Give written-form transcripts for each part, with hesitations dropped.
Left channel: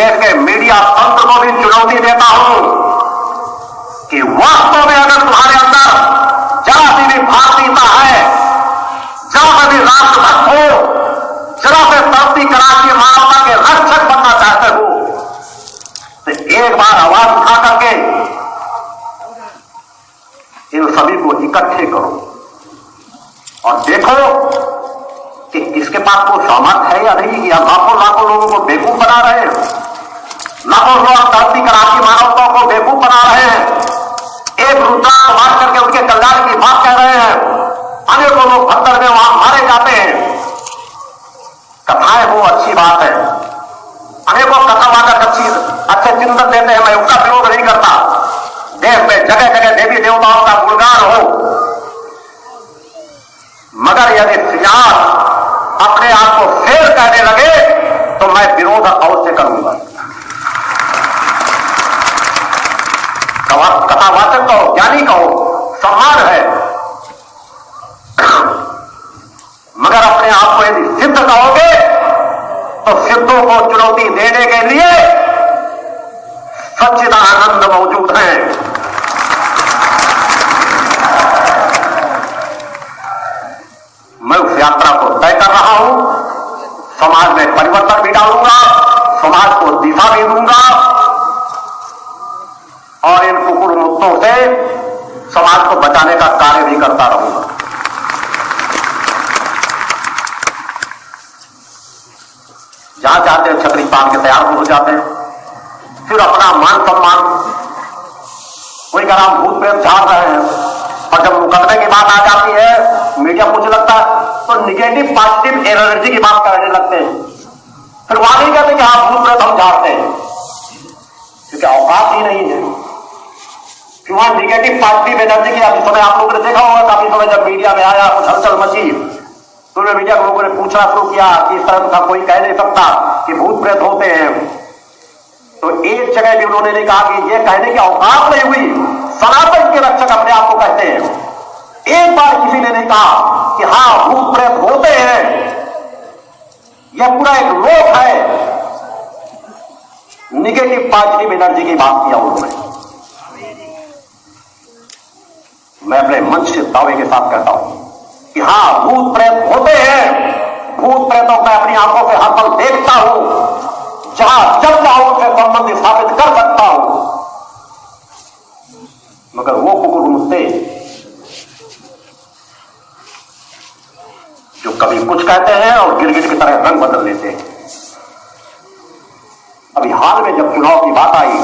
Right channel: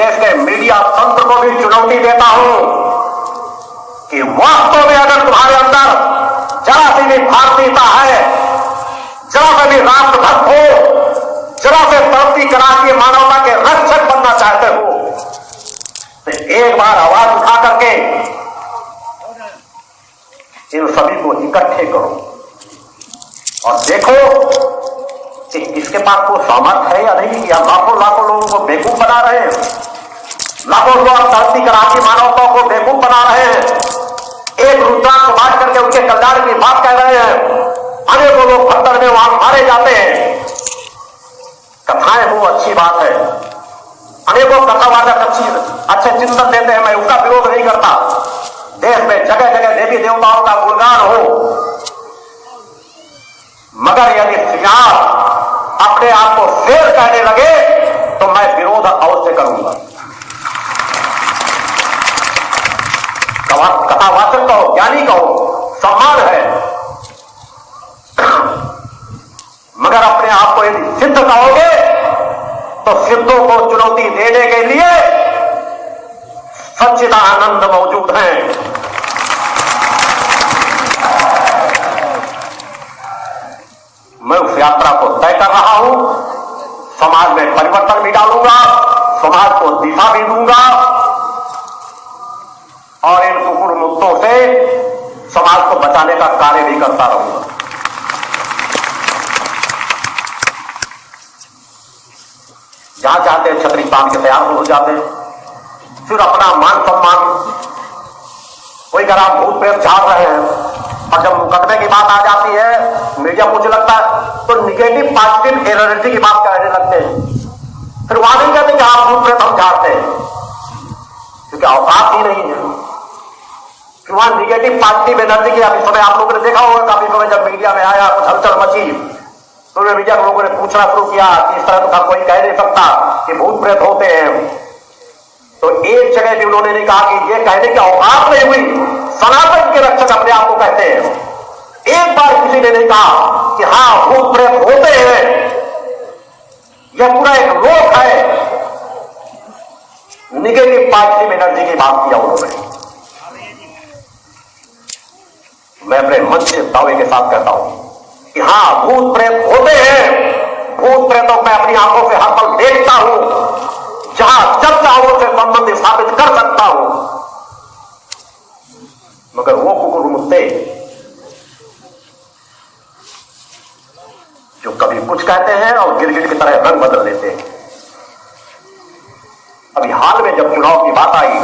देश के मीडिया तंत्र को भी चुनौती देता हूं कि वास्तव में अगर तुम्हारे अंदर जरा सी भी भारतीयता है, जरा से भी राष्ट्रभक्त हो, जरा से धरती कराची मानवता के रक्षक बनना चाहते हो, तो एक बार आवाज उठा करके इन सभी को इकट्ठे करो और देखो कि इसके पास कोई सामर्थ है या नहीं, या लाखों लाखों लोगों को बेवकूफ बना रहे हैं, लाखों लोग धरती कराची मानवता को बेवकूफ बना रहे हैं, एक रुद्राक्ष बांट करके उनके कल्याण की बात कह रहे हैं, अनेकों लोग खतर में वहां मारे जाते हैं। कथाएं वो अच्छी बात है, अनेकों कथावाचक अच्छे चिंतन देते हैं, मैं उसका विरोध नहीं करता। देश में जगह जगह देवी देवताओं का गुणगान हो, मगर यदि सियार अपने आप को फेर कहने लगे तो मैं विरोध अवश्य करूंगा। कथावाचक कहो, ज्ञानी कहो, सम्मान है, मगर अपने आप को यदि सिद्ध कहोगे तो सिद्धों को चुनौती देने के लिए सच्चिदानंद मौजूद है। मैं उस यात्रा को तय कर रहा हूं, समाज में परिवर्तन भी डालूंगा, समाज को दिशा भी दूंगा और इन कुकुर मुक्तों से समाज को बचाने का कार्य भी करता रहूंगा। जहां चाहते हैं छतरी पान के तैयार हो जाते हैं, फिर अपना मान सम्मान कोई का नाम भूत प्रेत झाड़ रहे हैं, और जब मुकदमे की बात आ जाती है, मीडिया मुझे लगता है तो निगेटिव पॉजिटिव एनर्जी की बात करने लगते हैं। फिर वहां नहीं कहते कि आप भूत प्रेत हम झाड़ते हैं, क्योंकि औकात ही नहीं है। फिर वहां निगेटिव पॉजिटिव एनर्जी की अभी समय आप लोगों ने देखा होगा, काफी समय जब मीडिया में आया हलचल मची, तो मीडिया के लोगों ने पूछना शुरू किया कि इस तरह का कोई कह नहीं सकता कि भूत प्रेत होते हैं। तो एक जगह भी उन्होंने नहीं कहा कि ये कहने की औकात नहीं हुई, सनातन के रक्षक अपने आप को कहते हैं। एक बार किसी ने नहीं कहा कि हां भूत प्रेत होते हैं, यह पूरा एक लोक है। निगेटिव पॉजिटिव एनर्जी की बात किया उन्होंने। मैं अपने मन से दावे के साथ कहता हूं कि हां भूत प्रेत होते हैं, भूत प्रेतों में अपनी आंखों से हर पल देखता हूं, जहां जब चाहों से संबंध स्थापित कर सकता हूं, मगर वो कुकुर मुक्ते जो कभी कुछ कहते हैं और गिरगिट की तरह रंग बदल लेते हैं। अभी हाल में जब चुनाव की बात आई,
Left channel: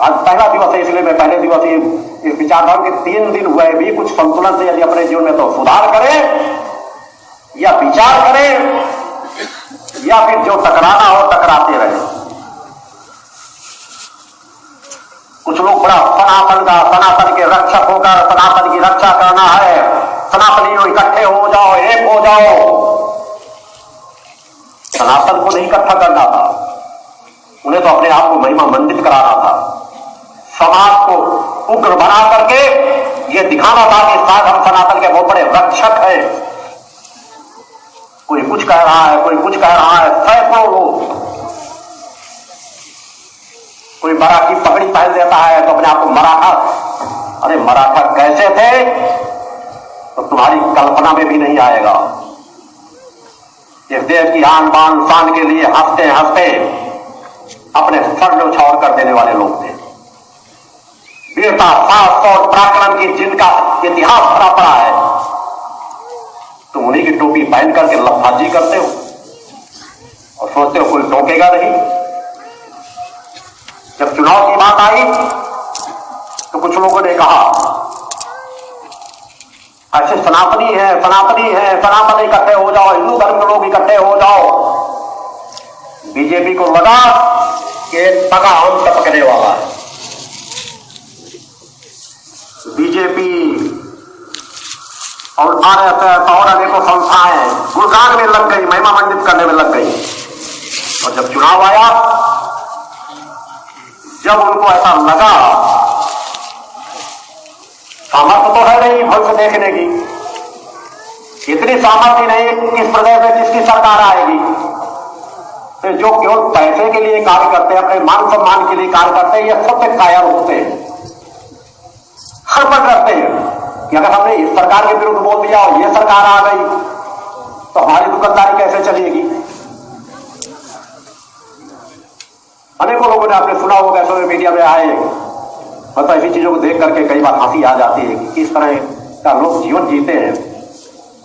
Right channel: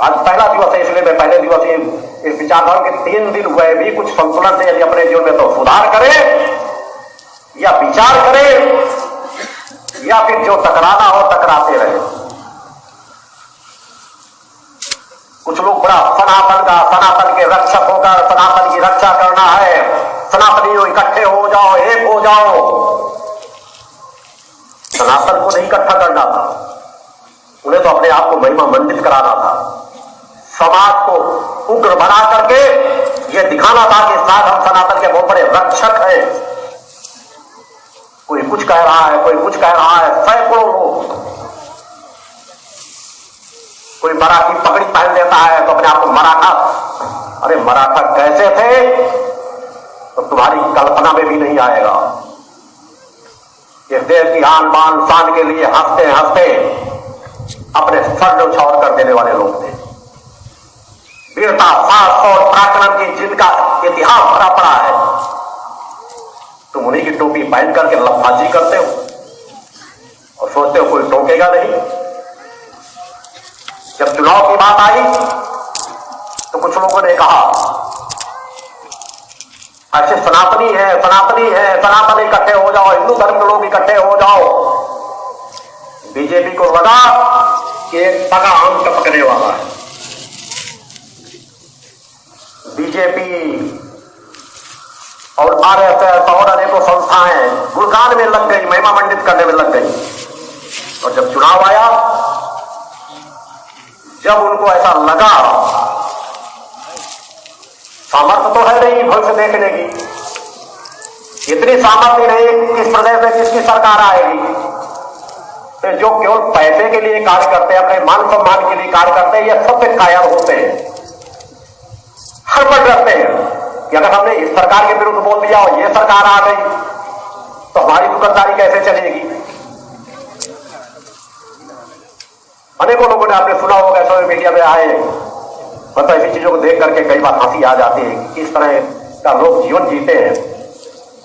आज पहला दिवस है, इसलिए मैं पहले दिवस ये विचार रहा हूं कि 3 दिन हुए भी कुछ संतुलन से यदि अपने जीवन में तो सुधार करें या विचार करें, या फिर जो टकराना हो टकराते रहे। कुछ लोग बड़ा सनातन के रक्षक होकर सनातन की रक्षा करना है, सनातनियों इकट्ठे हो जाओ, एक हो जाओ। सनातन को नहीं इकट्ठा करना था, उन्हें तो अपने आप को महिमा मंडित कराना था, समाज को उग्र बना करके यह दिखाना था कि शायद हम सनातन के बहुत बड़े रक्षक हैं। कोई कुछ कह रहा है, कोई कुछ कह रहा है, सैकड़ों लोग, कोई मराठी पगड़ी पहन देता है तो अपने आप को मराठा। अरे मराठा कैसे थे तो तुम्हारी कल्पना में भी नहीं आएगा। इस देश की आन बान शान के लिए हंसते हंसते अपने सर न्यौछावर कर देने वाले लोग थे। वीरता, साहस और पराक्रम की जिनका इतिहास भरा पड़ा है, तुम उन्हीं की टोपी पहन करके लफाजी करते हो और सोचते हो कोई टोकेगा नहीं। जब चुनाव की बात आई तो कुछ लोगों ने कहा ऐसे सनातनी है, सनातन इकट्ठे हो जाओ, हिंदू धर्म के लोग इकट्ठे हो जाओ। बीजेपी को लगा कि एक पगा आम टपकने वाला है। बीजेपी और आरएसएस और अनेकों संस्थाएं गुणगान में लग गई, महिमा मंडित करने में लग गई। और जब चुनाव आया, जब उनको ऐसा लगा सामर्थ्य तो है नहीं भक्त देखने की, इतनी सामर्थ्य नहीं किस प्रदेश में किसकी सरकार आएगी, तो जो केवल पैसे के लिए कार्य करते हैं, अपने मान सम्मान के लिए कार्य करते हैं, ये सब पे कायर होते हैं, हड़बड़ रखते हैं कि अगर हमने इस सरकार के विरुद्ध बोल दिया और ये सरकार आ गई तो हमारी दुकानदारी कैसे चलेगी। अनेकों लोगों ने आपने सुना होगा, सोशल मीडिया में आए, मतलब ऐसी चीजों को देख करके कई बार हंसी आ जाती है कि किस तरह का लोग जीवन जीते हैं,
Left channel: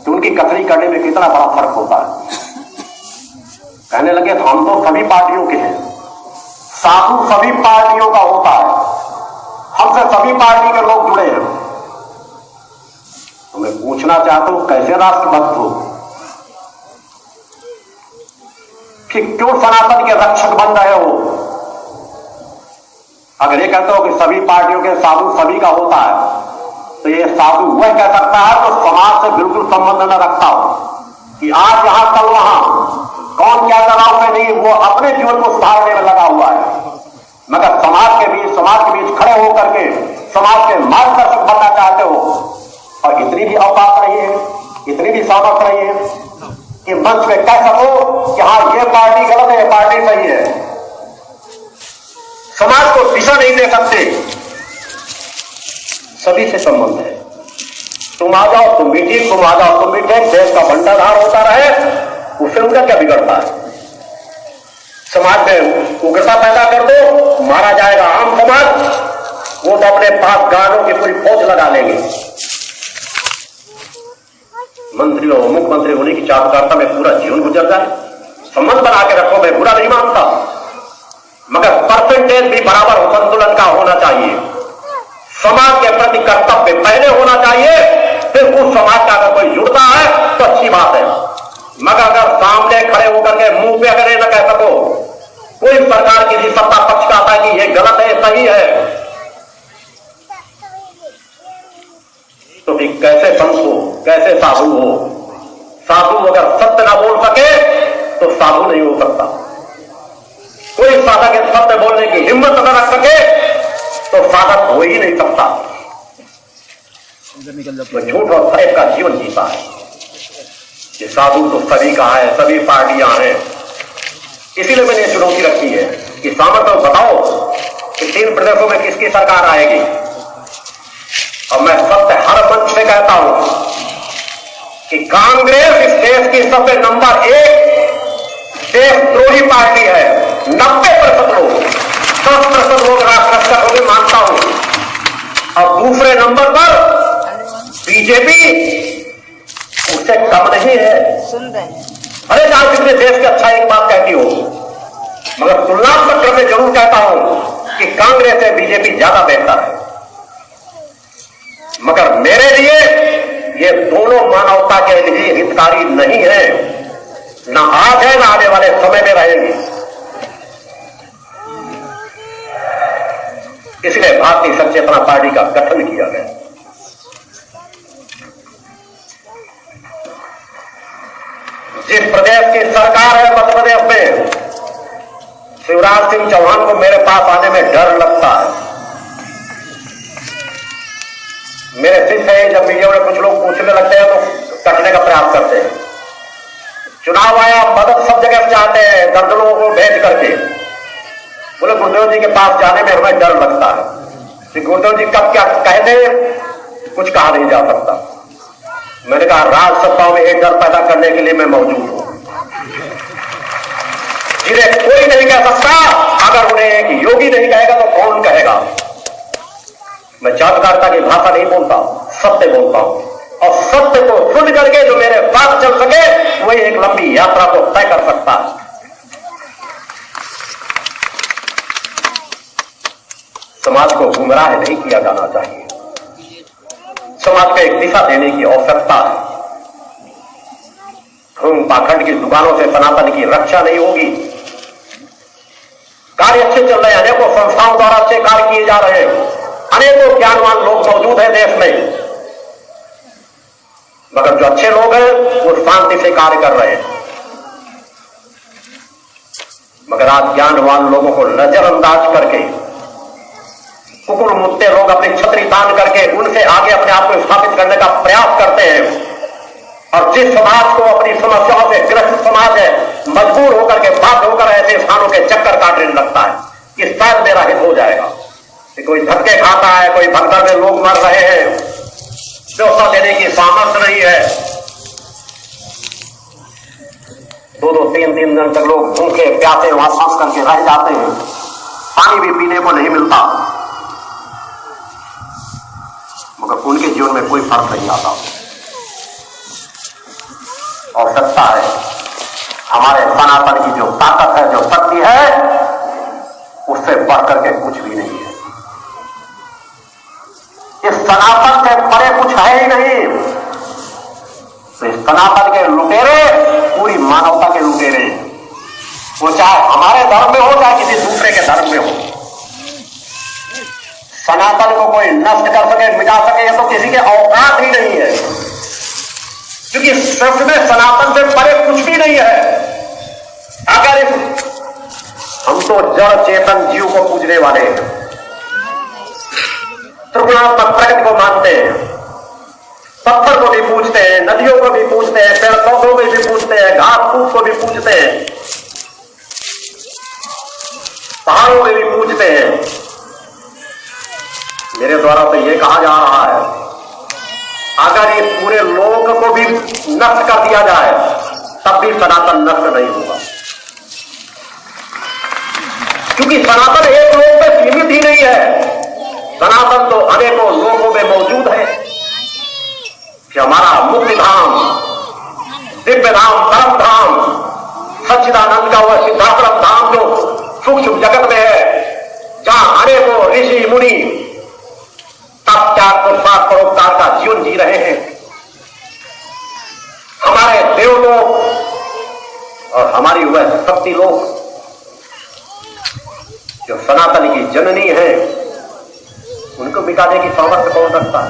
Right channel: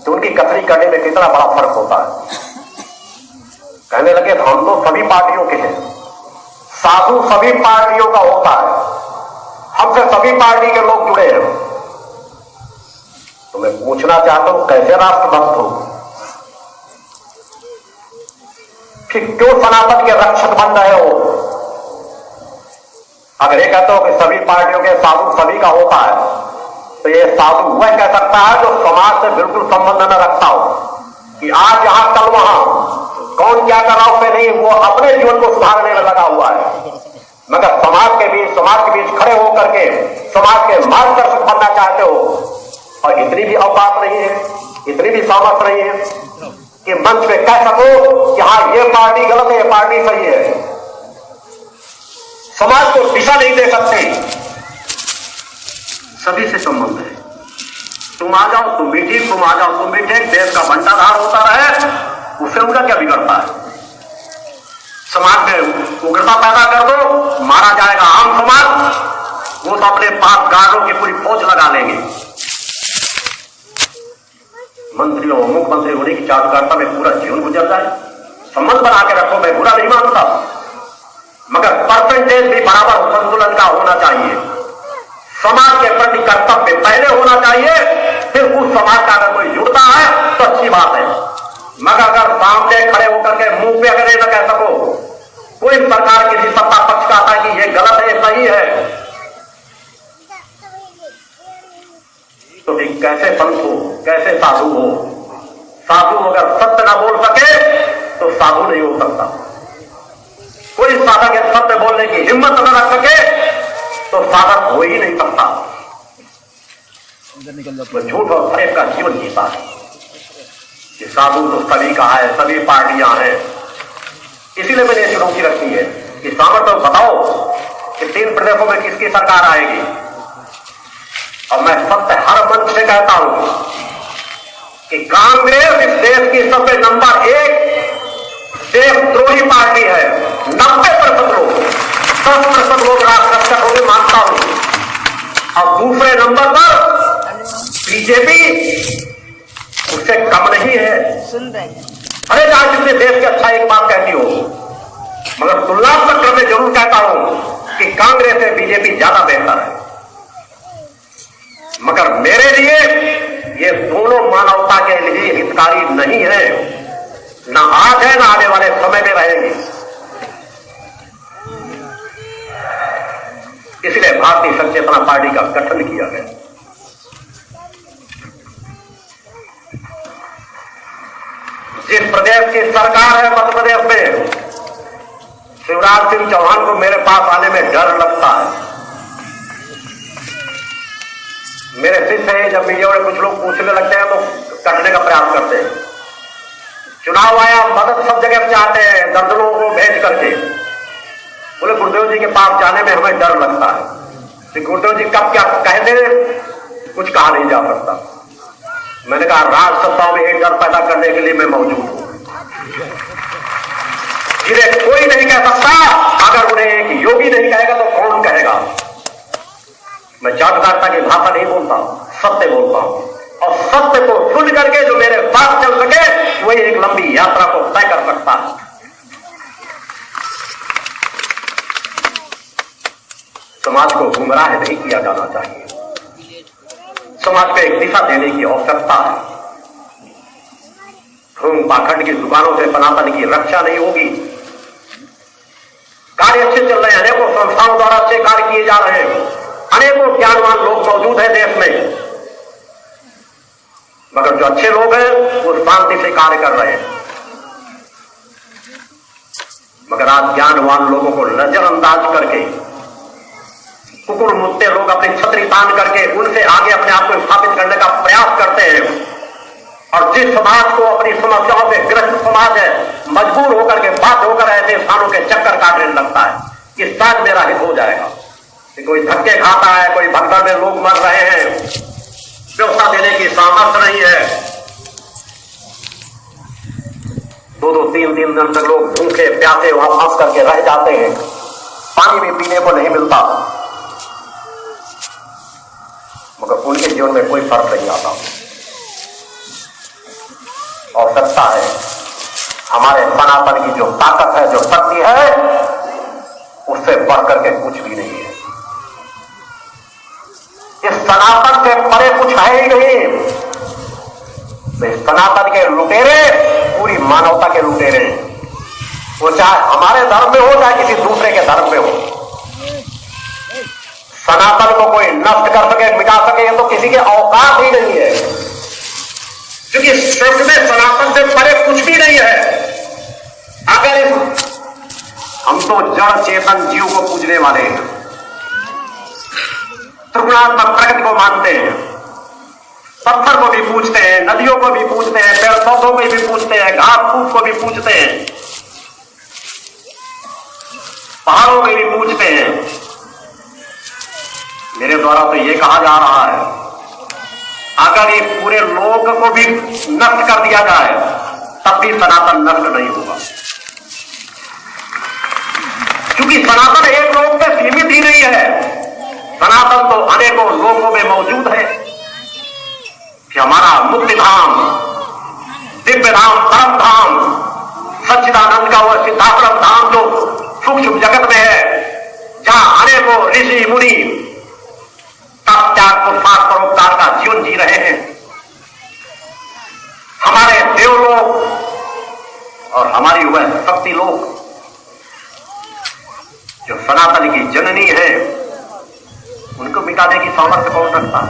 तो उनकी कथनी करने में कितना बड़ा फर्क होता है। कहने लगे हम तो सभी पार्टियों के हैं, साधु सभी पार्टियों का होता है, हमसे सभी पार्टी के लोग जुड़े हैं। तो मैं पूछना चाहता हूं कैसे राष्ट्रभक्त हो कि क्यों सनातन के रक्षक बन रहे हो। अगर ये कहते हो कि सभी पार्टियों के साधु सभी का होता है, तो ये साधु वह कह सकता है जो समाज से बिल्कुल संबंध न रखता हो कि आज जहां चल रहा कौन क्या कर रहा उसमें नहीं, वो अपने जीवन को सुधारने में लगा हुआ है। मगर समाज के बीच खड़े होकर के समाज के मार्गदर्शक बनना चाहते हो, और इतनी भी औकात नहीं है, इतनी भी सामर्थ्य नहीं है कि मंच में कह सको कि हाँ ये पार्टी गलत है, ये पार्टी सही है। समाज को दिशा नहीं दे सकते, सभी से संबंध है। तुम आ जाओ, तुम भी ठीक, तुम आ जाओ, तुम भी ठीक, देश का बंटाधार होता रहे, उससे उनका क्या बिगड़ता है। समाज में उग्रता पैदा कर दो, मारा जाएगा आम समाज, वो तो अपने पास गार्डों की पूरी फौज लगा लेंगे। मंत्रियों मुख्यमंत्री होने की चापकारिता में पूरा जीवन गुजर जाए, संबंध बना के रखो, मैं बुरा नहीं मानता, मगर परसेंटेज भी बराबर संतुलन का होना चाहिए। समाज के प्रति कर्तव्य पहले होना चाहिए, फिर उस समाज का अगर कोई जुड़ता है तो अच्छी बात है। मगर अगर सामने खड़े होकर के मुंह पे अगर न कह सको, कोई सरकार किसी सत्ता पक्ष का था कि ये गलत है, ये सही है, तो फिर कैसे संत हो, कैसे साधु हो। साधु अगर सत्य ना बोल सके तो साधु नहीं हो सकता। कोई साधक सत्य बोलने की हिम्मत न रख सके तो साधक हो ही नहीं सकता, वो झूठ और फरेब का जीवन जीता है। कि साधु तो सभी का है, सभी पार्टियां हैं, इसीलिए मैंने चुनौती रखी है कि सामर्थ्य बताओ कि 3 प्रदेशों में किसकी सरकार आएगी। और मैं सबसे हर मंच से कहता हूं कि कांग्रेस इस देश की सबसे नंबर 1 देशद्रोही पार्टी है। 90% लोग, 10% लोग राष्ट्ररक्षक होगी मानता हूं, और दूसरे नंबर पर बीजेपी उससे कम नहीं है। सुन रहे अरे आज पिछले देश के अच्छा एक बात कहती हो, मगर तुलनात्मक करके जरूर कहता हूं कि कांग्रेस से बीजेपी ज्यादा बेहतर है। मगर मेरे लिए ये दोनों मानवता के लिए हितकारी नहीं है, ना आज है ना आने वाले समय में रहेंगे। इसलिए भारतीय जनता चेतना पार्टी का गठन किया गया। जिस प्रदेश की सरकार है मध्य प्रदेश में, शिवराज सिंह चौहान को मेरे पास आने में डर लगता है। मेरे शिष्य है, जब मीडिया में कुछ लोग पूछने लगते हैं तो कटने का प्रयास करते हैं। चुनाव आया, मदद सब जगह चाहते हैं, दर्जनों को भेज करके। बोले गुरुदेव जी के पास जाने में हमें डर लगता है कि गुरुदेव जी कब क्या कह दे, कुछ कहा नहीं जा सकता। मैंने कहा राज सत्ताओं में एक डर पैदा करने के लिए मैं मौजूद हूं, जिन्हें कोई नहीं कह सकता। अगर उन्हें एक योगी नहीं कहेगा तो कौन कहेगा। मैं चापकारिता की भाषा नहीं बोलता, सत्य बोलता हूं, और सत्य को सुन करके जो मेरे साथ चल सके वही एक लंबी यात्रा को तय कर सकता है। समाज को गुमराह नहीं किया जाना चाहिए, समाज को एक दिशा देने की आवश्यकता है। धूम पाखंड की दुकानों से सनातन की रक्षा नहीं होगी। कार्य अच्छे चल रहे हैं, अनेकों संस्थाओं द्वारा अच्छे कार्य किए जा रहे हैं, अनेकों ज्ञानवान लोग मौजूद हैं देश में, मगर जो अच्छे लोग हैं वो शांति से कार्य कर रहे हैं। मगर आज ज्ञानवान लोगों को नजरअंदाज करके कुकुर मुत्ते लोग अपनी छतरी तान करके उनसे आगे अपने आप को स्थापित करने का प्रयास करते हैं, और जिस समाज को अपनी समस्याओं से ग्रस्त समाज है, मजबूर होकर के बाध्य होकर ऐसे इंसानों के चक्कर काटने लगता है कि शायद मेरा हित हो जाएगा, कि कोई धक्के खाता है, कोई भगदड़ में लोग मर रहे हैं, व्यवस्था देने की सामर्थ्य नहीं है, 2-2, 3-3 दिन तक लोग भूखे प्यासे वापस करके रह जाते हैं, पानी भी पीने को नहीं मिलता, मगर उनके जीवन में कोई फर्क नहीं आता। और सत्ता है हमारे सनातन की जो ताकत है, जो शक्ति है, उससे बढ़कर के कुछ भी नहीं है। इस सनातन से परे कुछ है ही नहीं। तो इस सनातन के लुटेरे पूरी मानवता के लुटेरे, वो चाहे हमारे धर्म में हो चाहे किसी दूसरे के धर्म में हो, सनातन को कोई नष्ट कर सके, मिटा सके, ये तो किसी के औकात ही नहीं है, क्योंकि सच में सनातन से परे कुछ भी नहीं है। अगर हम तो जड़ चेतन जीव को पूजने वाले हैं, त्रिगुणात्मक प्रकृति को मानते हैं, पत्थर को भी पूजते हैं, नदियों को भी पूजते हैं, पेड़ पौधों को भी पूजते हैं, घास फूस को भी पूजते हैं, पहाड़ों को भी पूजते हैं। मेरे द्वारा तो ये कहा जा रहा है, अगर ये पूरे लोक को भी नष्ट कर दिया जाए तब भी सनातन नष्ट नहीं होगा, क्योंकि सनातन एक लोक में सीमित ही नहीं है, सनातन तो अनेकों लोकों में मौजूद है। कि हमारा मुक्ति धाम, दिव्य धाम, परम धाम, सच्चिदानंद का वह सिद्धाश्रम धाम जो सूक्ष्म जगत में है, जहां अनेकों ऋषि मुनि तत्त्याग पुरुषार्थ परोपकार का जीवन जी रहे हैं, हमारे देवलोक और हमारी वह शक्ति लोक जो सनातन की जननी है, उनको मिटाने की सामर्थ्य कौन रखता?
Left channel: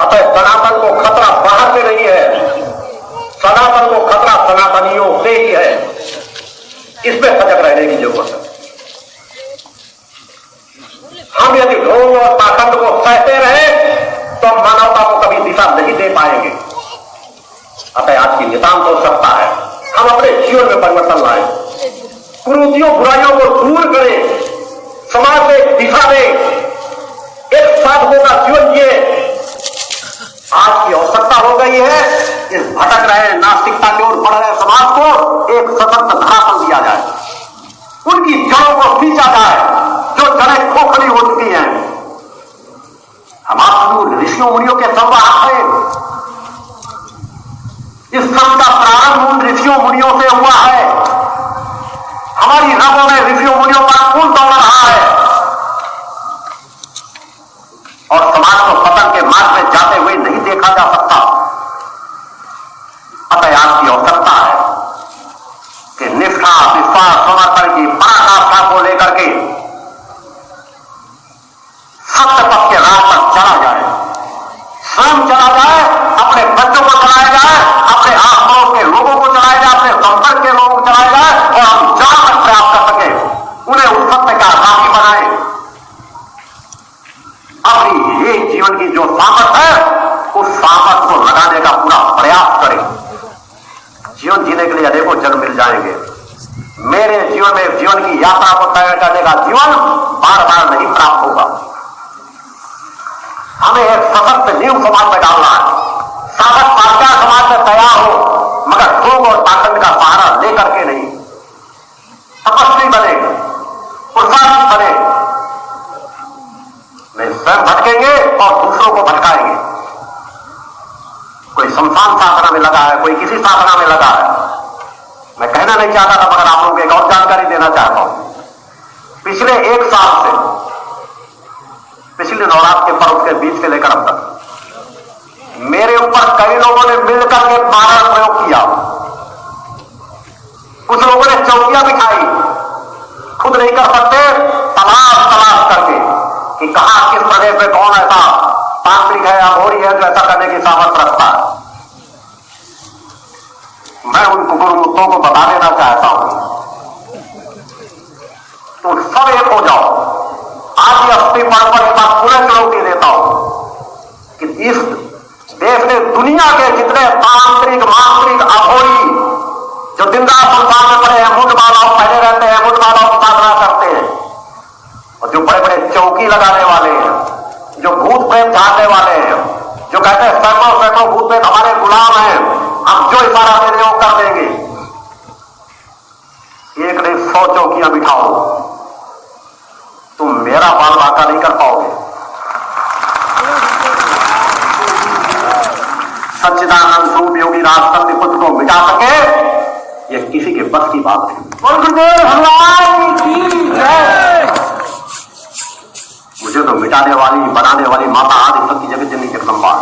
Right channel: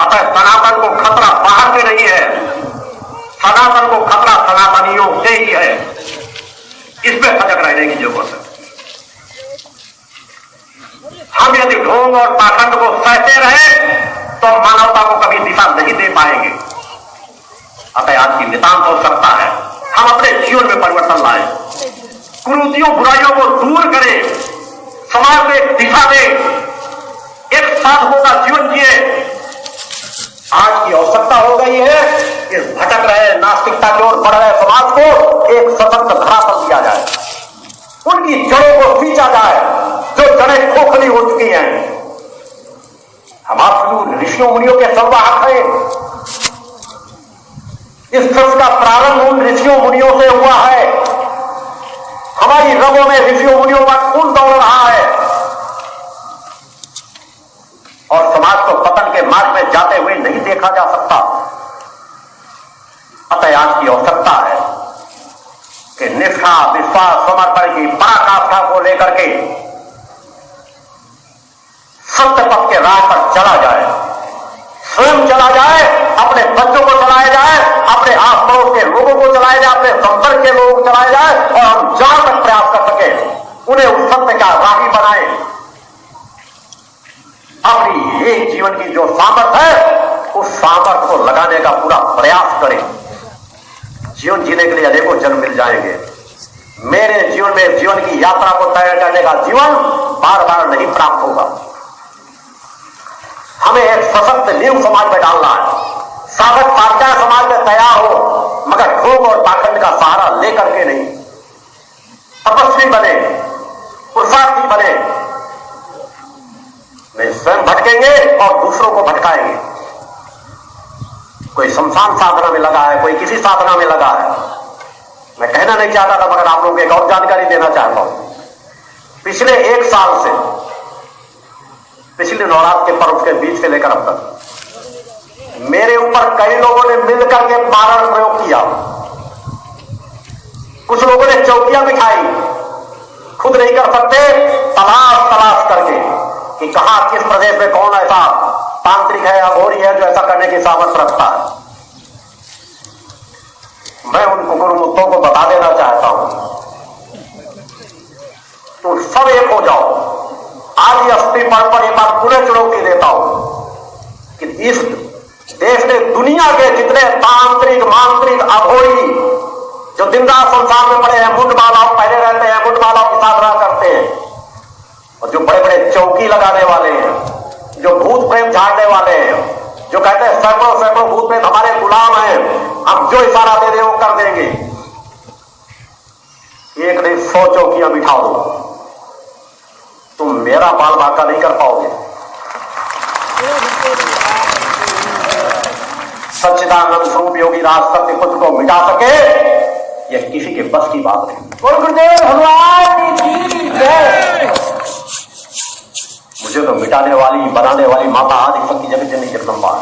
अतः सनातन को खतरा बाहर से नहीं है, सनातन को खतरा सनातनियों से ही है। इसमें सजग रहने की जरूरत है। हम यदि ढोंग और पाखंड को सहते रहे तो मानवता को कभी दिशा नहीं दे पाएंगे। अतः आज की नितांत हो सकता है हम अपने जीवन में परिवर्तन लाएं, कुरीतियों बुराइयों को दूर करें, समाज में दिशा दें, एक साधुओं का जीवन जिए। आज की आवश्यकता हो गई है इस भटक रहे नास्तिकता की ओर बढ़ रहे समाज को एक सशक्त धरातल दिया जाए, उनकी जड़ों को खींचा जाए जो जड़ें खोखली हो चुकी हैं। हमारे ऋषियों मुनियों के संवाद है, इस सब का प्रारंभ उन ऋषियों मुनियों से हुआ है। हमारी रगों में ऋषियों मुनियों का खून दौड़ रहा है और समाज को पतन के मार्ग में जाते हुए नहीं देखा जा सकता। अतः आज की आवश्यकता है कि निष्ठा, विश्वास, समर्पण की पराकाष्ठा को लेकर के सत्य पथ के राह पर चला जाए, स्वयं चला जाए, अपने बच्चों को चलाया जाए, अपने आस पड़ोस के लोगों को चलाया जाए, अपने संपर्क के लोगों को चलाया जाए और हम जहां तक प्रयास कर सके उन्हें उस सत्य का राही बनाए। अपनी एक जीवन की जो सामर्थ है उस सामर्थ को लगाने का पूरा प्रयास करें। जीवन जीने के लिए अनेकों जन्म मिल जाएंगे। मेरे जीवन में जीवन की यात्रा को तय करने का जीवन बार बार नहीं प्राप्त होगा। हमें एक सशक्त नींव समाज में डालना है, सशक्त पाठ्या समाज में तैयार हो, मगर ढोंग और पाखंड का सहारा लेकर के नहीं। तपस्वी बने, पुरुषार्थी बने, वे स्वयं भटकेंगे और दूसरों को भटकाएंगे। कोई शमशान साधना में लगा है, कोई किसी साधना में लगा है। मैं कहना नहीं चाहता था मगर आप लोगों को एक और जानकारी देना चाहता हूं। पिछले 1 साल से, पिछले नवरात्र के पर्व के बीच से लेकर अब तक मेरे ऊपर कई लोगों ने मिलकर के पागल प्रयोग किया। कुछ लोगों ने चौकियां बिठाई, खुद नहीं कर सकते, तलाश करके कि कहां किस प्रदेश में कौन ऐसा तांत्रिक है, अघोरी है जो ऐसा करने की सामर्थ्य रखता है। मैं उन कुकुरमुत्तों को बता देना चाहता हूं, तो सब एक हो जाओ। आज अस्थि पर एक बार पुनः चुनौती देता हूं कि इस देश ने दुनिया के आप पहने रहते हैं मुंडमाला की साधना करते हैं, और जो बड़े बड़े चौकी लगाने वाले हैं, जो भूत प्रेत झाड़ने वाले हैं, जो कहते हैं सैकड़ों सैकड़ों भूत प्रेत हमारे गुलाम हैं, हम जो इशारा दे दें वो कर देंगे, एक नहीं 100 चौकियां बिठाओ, तुम मेरा बाल बांका नहीं कर पाओगे। सच्चिदानंद स्वरूप योगी राज सत्य पुत्र को मिटा सके, यह किसी के बस की बात नहीं। गुरुदेव भगवान की जय। मुझे तो मिटाने वाली बनाने वाली माता आदि शक्ति जगत जननी जगदम्बा,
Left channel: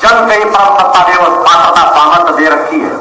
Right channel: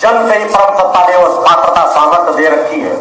जन कई परम सत्ता देव पात्रता सामर्थ्य दे रखी है।